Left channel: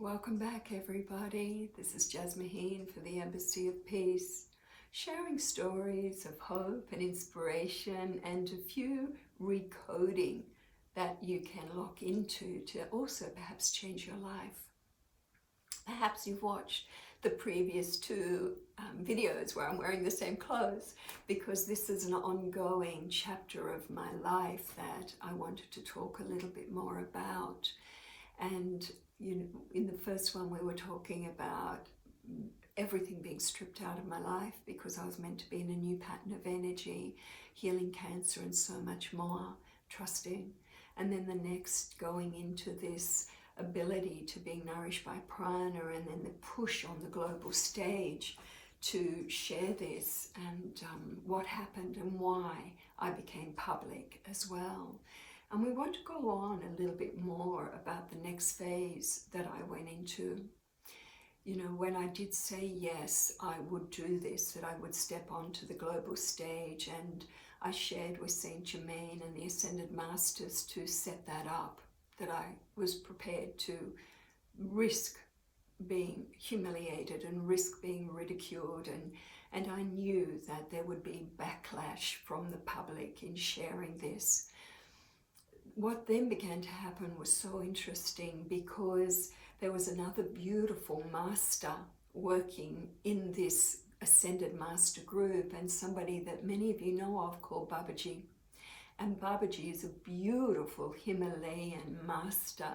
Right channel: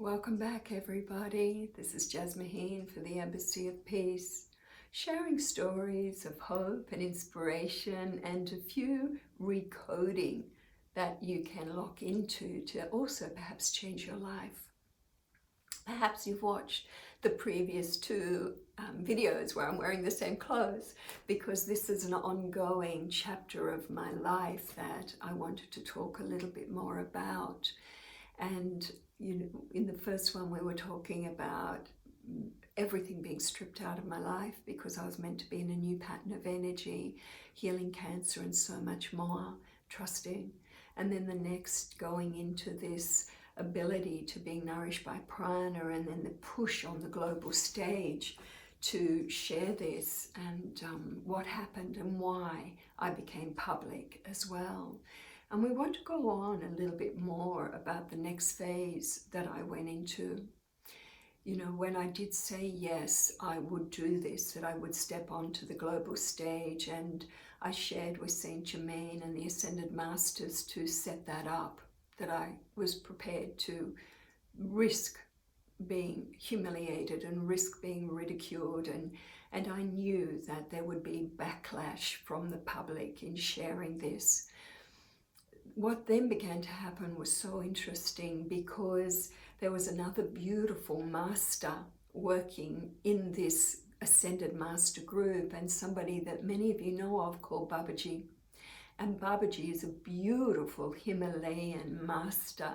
Welcome back, everybody. This is Jasmine for the Embassy of Peace, sharing stories of hope and inspiration and a few recoding that you can lock into to also perhaps change your life. Perhaps you've watched the previous two videos where I'm wearing the same clothes, because this is an ongoing chapter of my life that I wanted to talk a little bit more about. And in the first one, we were talking about everything being stripped out of my life because I was meant to be in a new pattern of energy, healing cancer and so much more, trusting. And then the next, going into this ability to be nourished by prana, and then the push on the global stage to share this and what happened and why I became public as well. And we want to go on a little bit more about the next phase that I went into. When I did say yes, I would do this, that I would step onto the global stage, and I shared with Saint Germain and the Ascended Masters to set that up, that I was prepared to risk being humiliated and risk being ridiculed, and I knew that there would be backlash from the public in sharing this. What then began to happen was so interesting, because there was another beautiful master working in this Ascended Master group, and somebody that many of you know of called Babaji. And Babaji is a beautiful Himalayan master.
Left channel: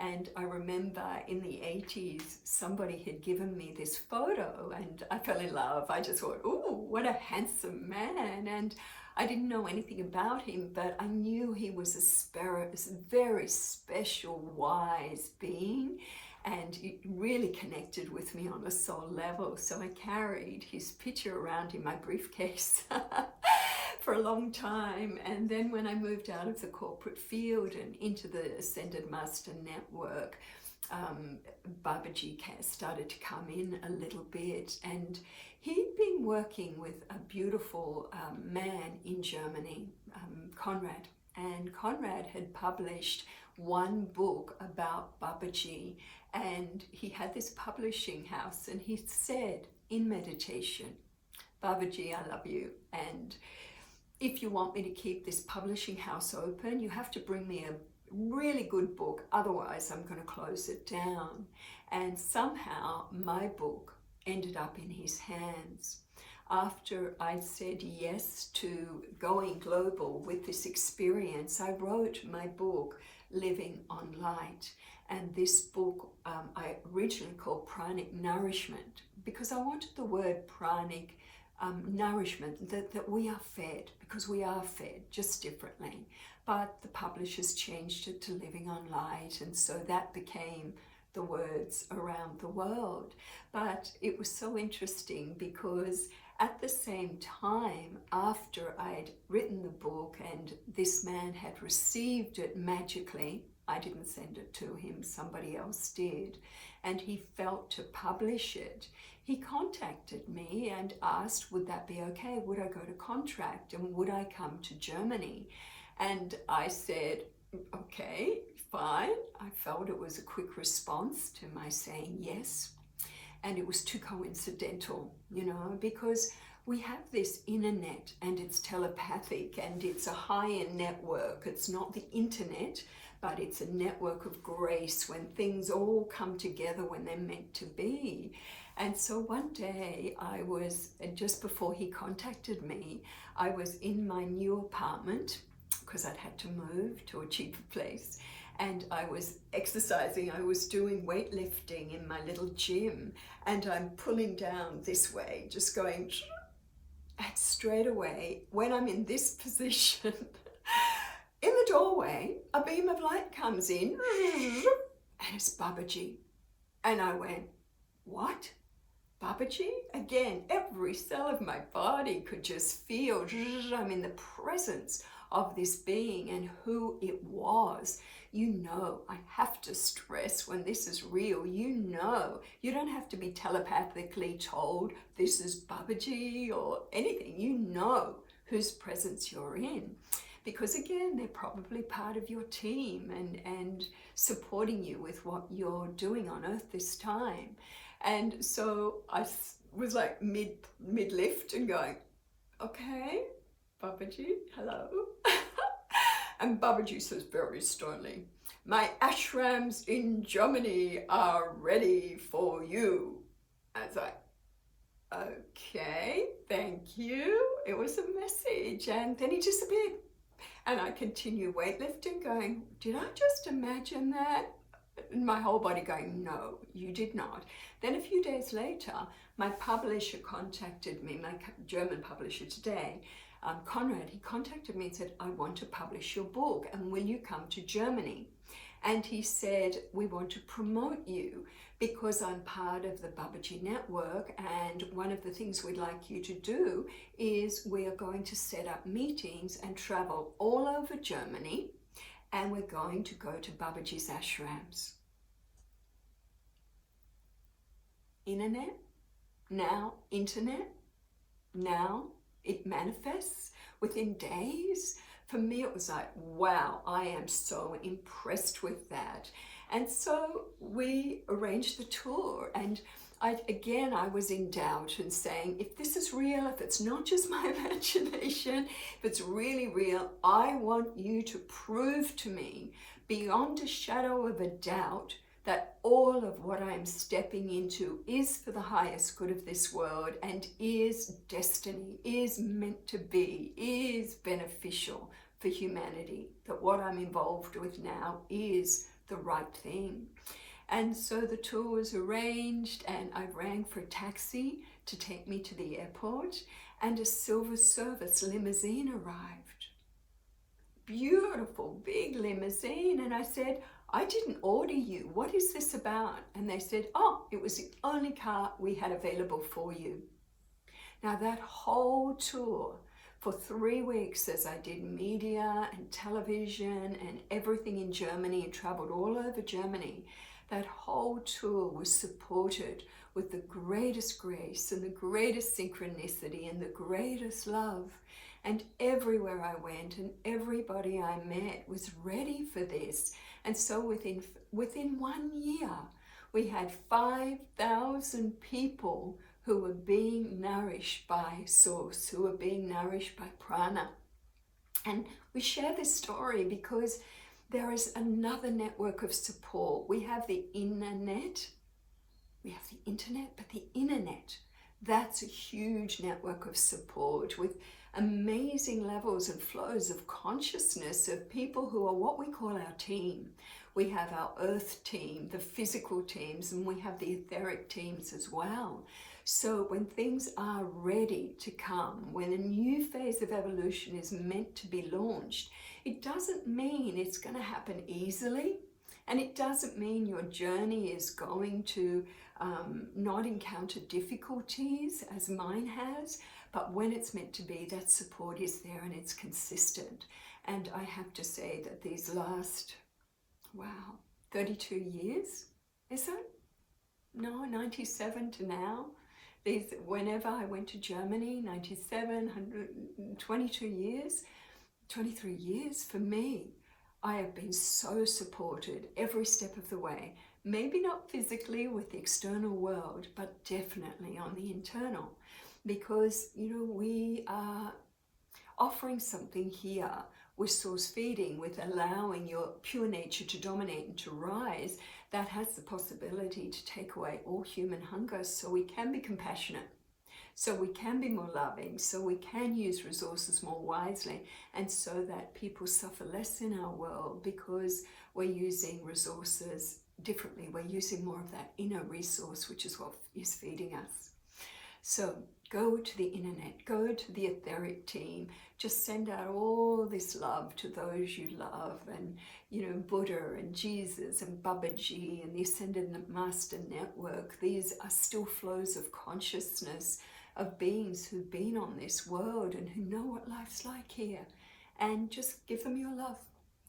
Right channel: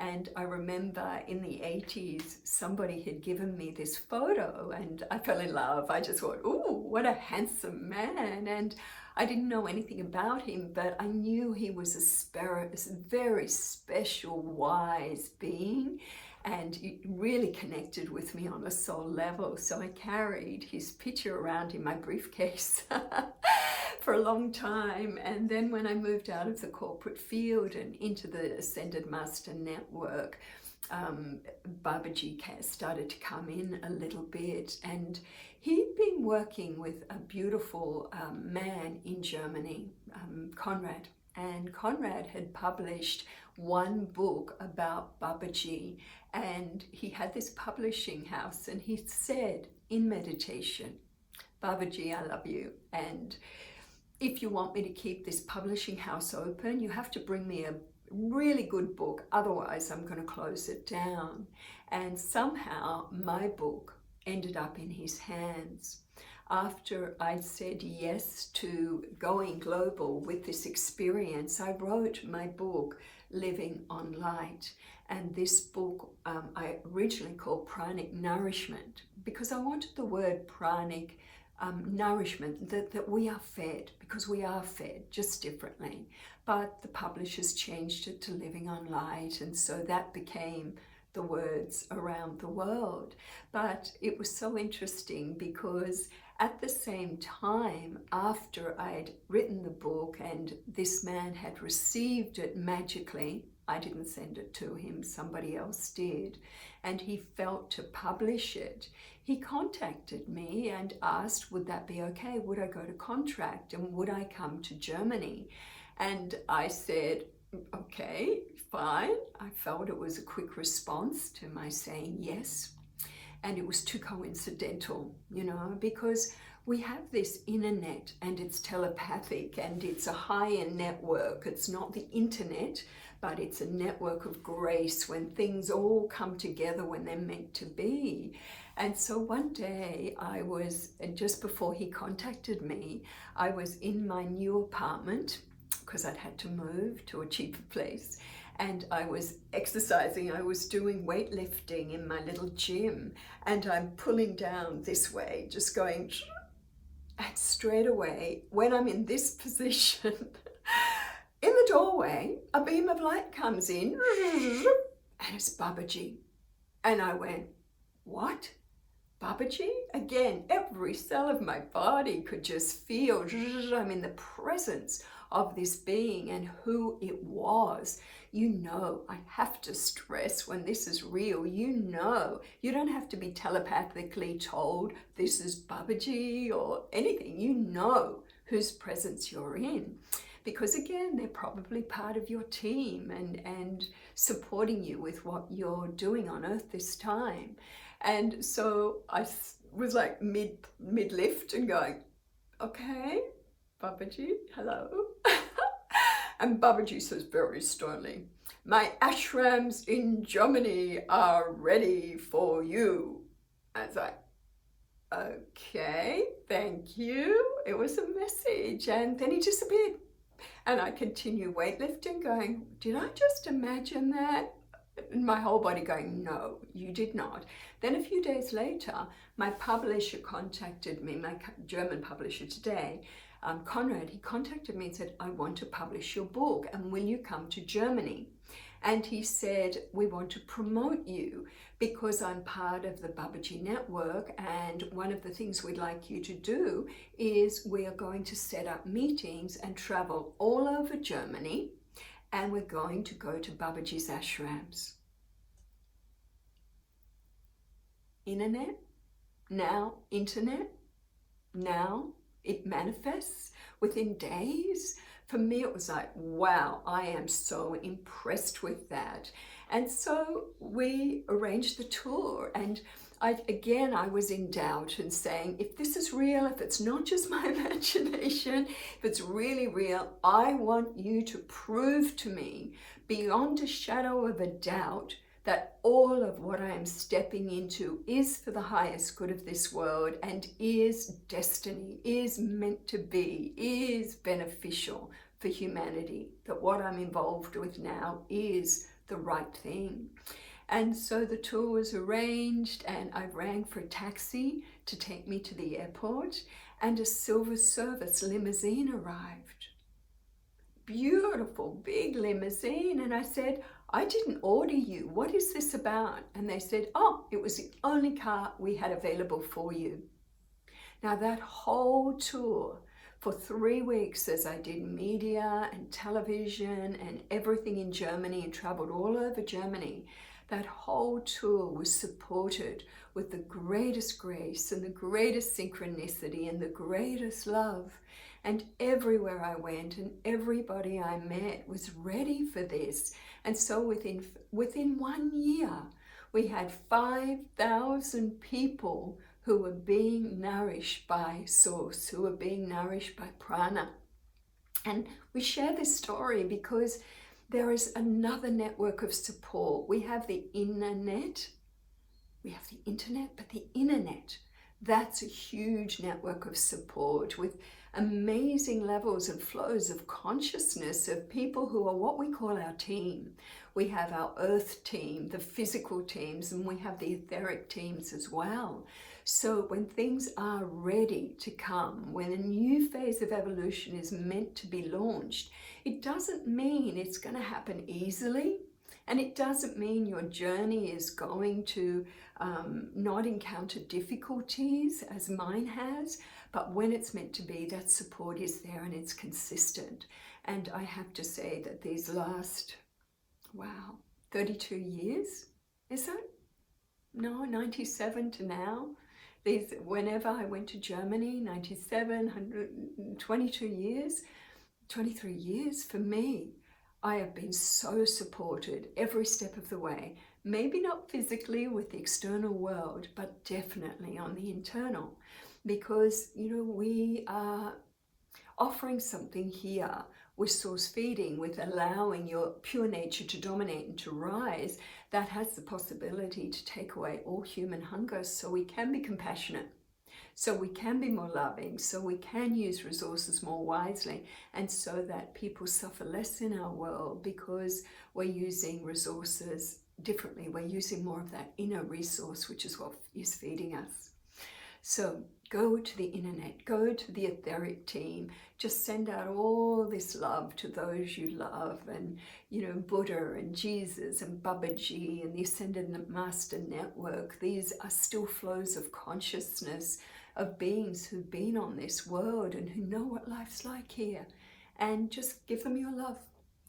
And I remember in the 80s, somebody had given me this photo and I fell in love. I just thought, ooh, what a handsome man. And I didn't know anything about him, but I knew he was a very special, wise being, and it really connected with me on a soul level. So I carried his picture around in my briefcase for a long time. And then when I moved out of the corporate field and into the Ascended Master Network, Babaji started to come in a little bit, and he'd been working with a beautiful man in Germany, Conrad, and Conrad had published one book about Babaji, and he had this publishing house, and he said in meditation, Babaji, I love you, and if you want me to keep this publishing house open, you have to bring me a really good book, otherwise I'm going to close it down. And somehow my book ended up in his hands. After I said yes to going global with this experience, I wrote my book, Living on Light. And this book I originally called Pranic Nourishment, because I wanted the word pranic nourishment, that we are fed, because we are fed, just differently. But the publishers changed it to Living on Light, and so that became the words around the world. But it was so interesting, because at the same time, after I'd written the book and this man had received it magically, I didn't send it to him, somebody else did, and he felt to publish it, he contacted me and asked, would that be okay? Would I go to contract, and would I come to Germany? And I said, okay, fine. I felt it was a quick response to my saying yes. And it was too coincidental, because we have this internet and it's telepathic and it's a higher network. It's not the internet, but it's a network of grace when things all come together when they're meant to be. And so one day I was, just before he contacted me, I was in my new apartment, because I'd had to move to a cheaper place, and I was exercising. I was doing weightlifting in my little gym, and I'm pulling down this way, just going, and straight away, when I'm in this position, in the doorway, a beam of light comes in, and it's Babaji. And I went, what? Babaji? Again, every cell of my body could just feel, I'm in the presence of this being and who it was. I have to stress when this is real, you don't have to be telepathically told this is Babaji or anything. You know whose presence you're in, because again, they're probably part of your team and supporting you with what you're doing on earth this time. And so I was like mid lift and going, okay, Babaji, hello. And Babaji says very sternly, my ashrams in Germany are ready for you. I was like, okay, thank you. It was a message. And then he disappeared. And I continue weightlifting going, did I just imagine that? And my whole body going, no, you did not. Then a few days later, my publisher contacted me, my German publisher today, Conrad, he contacted me and said, I want to publish your book and will you come to Germany? And he said, we want to promote you because I'm part of the Babaji network, and one of the things we'd like you to do is we are going to set up meetings and travel all over Germany, and we're going to go to Babaji's ashrams. Internet, now internet, now it manifests within days. For me, it was like, wow, I am so impressed with that. And so we arranged the tour, and I was in doubt and saying, if this is real, if it's not just my imagination, if it's really real, I want you to prove to me beyond a shadow of a doubt that all of what I am stepping into is for the highest good of this world and is destiny, is meant to be, is beneficial for humanity, that what I'm involved with now is the right thing. And so the tour was arranged, and I rang for a taxi to take me to the airport, and a silver service limousine arrived. Beautiful, big limousine. And I said, I didn't order you. What is this about? And they said, oh, it was the only car we had available for you. Now that whole tour for 3 weeks, as I did media and television and everything in Germany and traveled all over Germany, that whole tour was supported with the greatest grace and the greatest synchronicity and the greatest love. And everywhere I went and everybody I met was ready for this. And so within 1 year, we had 5,000 people who were being nourished by Source, who were being nourished by prana. And we share this story because there is another network of support. We have the internet, but the internet, that's a huge network of support with amazing levels and flows of consciousness of people who are what we call our team. We have our earth team, the physical teams, and we have the etheric teams as well. So when things are ready to come, when a new phase of evolution is meant to be launched, it doesn't mean it's going to happen easily, and it doesn't mean your journey is going to not encounter difficulties as mine has, but when it's meant to be, that support is there and it's consistent. And I have to say that these last, 32 years, is that? No, 97 to now. Whenever I went to Germany, 97, 22 years, 23 years for me, I have been so supported every step of the way. Maybe not physically with the external world, but definitely on the internal. Because, we are offering something here with source feeding, with allowing your pure nature to dominate and to rise, that has the possibility to take away all human hunger, so we can be compassionate, so we can be more loving, so we can use resources more wisely, and so that people suffer less in our world because we're using resources differently. We're using more of that inner resource, which is what is feeding us. So go to the internet, go to the etheric team, just send out all this love to those you love, and Buddha and Jesus and Babaji and the Ascended Master Network. These are still flows of consciousness of beings who've been on this world and who know what life's like here. And just give them your love.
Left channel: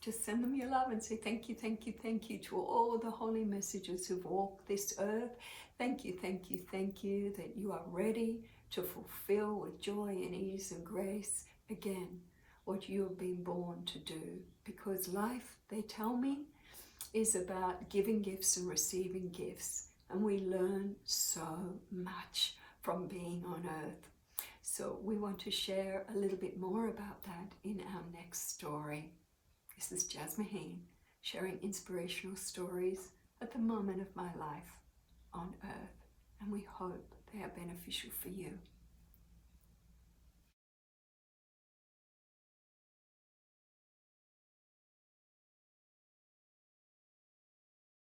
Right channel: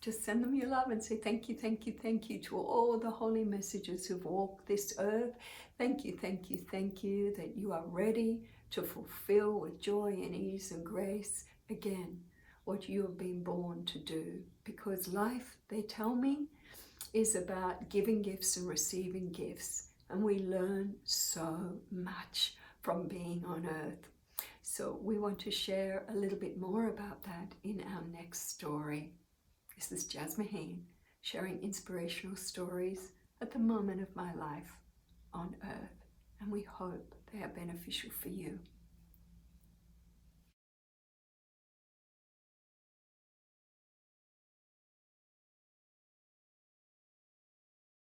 Just send them your love and say thank you, thank you, thank you to all the holy messages who've walked this earth. Thank you, thank you, thank you that you are ready to fulfill with joy and ease and grace again what you have been born to do. Because life, they tell me, is about giving gifts and receiving gifts. And we learn so much from being on earth. So we want to share a little bit more about that in our next story. This is Jazz Maheen, sharing inspirational stories at the moment of my life on earth. And we hope they are beneficial for you.